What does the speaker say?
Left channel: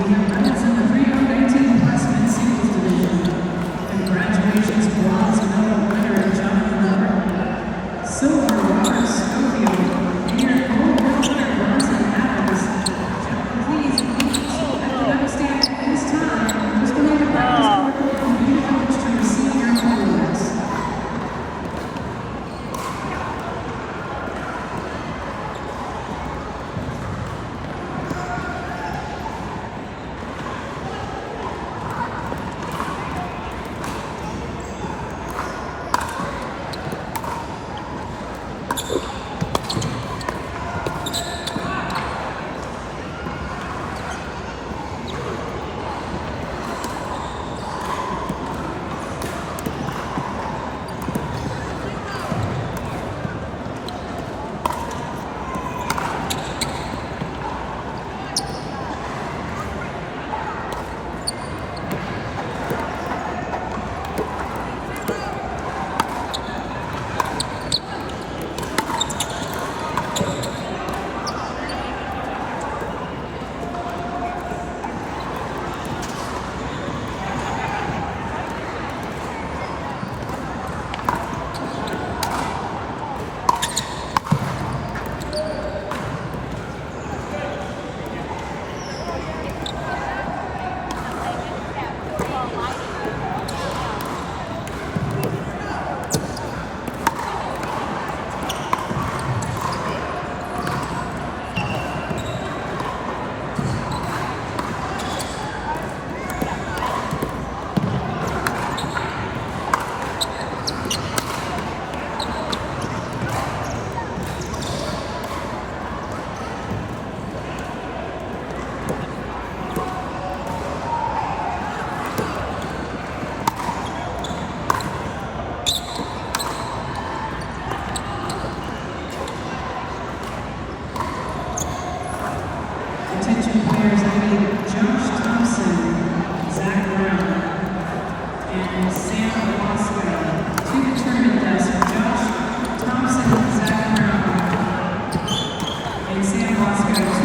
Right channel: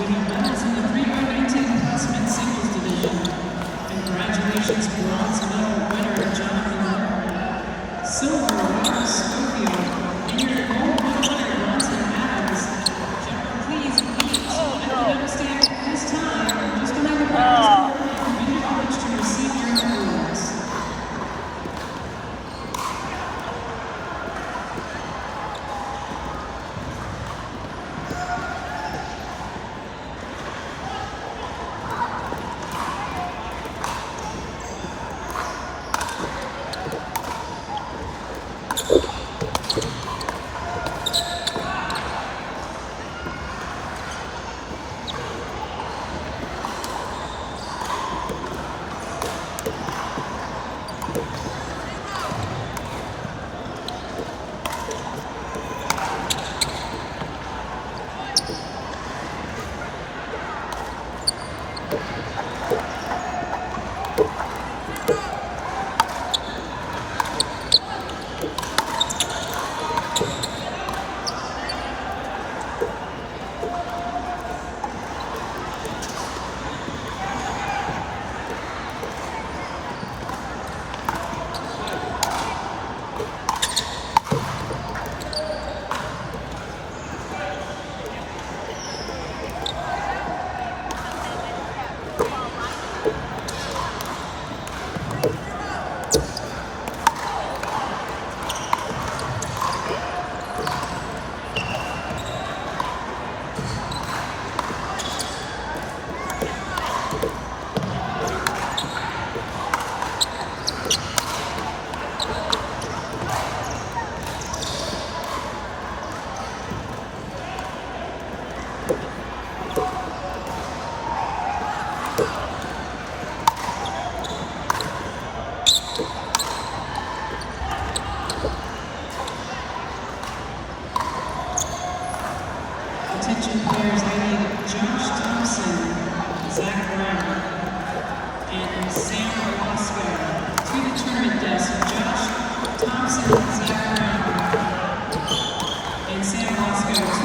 We have medals in the 3x19 plus men's singles division. Congratulations, bronze medal winner Jonathan Hall. Silver, Robert Scorpio. And your gold medal winner, Bronson Adams. Gentlemen, please meet at the medal stand at this time, just behind the practice court at the community college to receive your awards. Attention players, I need Josh Thompson, Zach Brown, and Sam Velasco. To the tournament desk, Josh Thompson, Zach Brown, and Sam Velasco.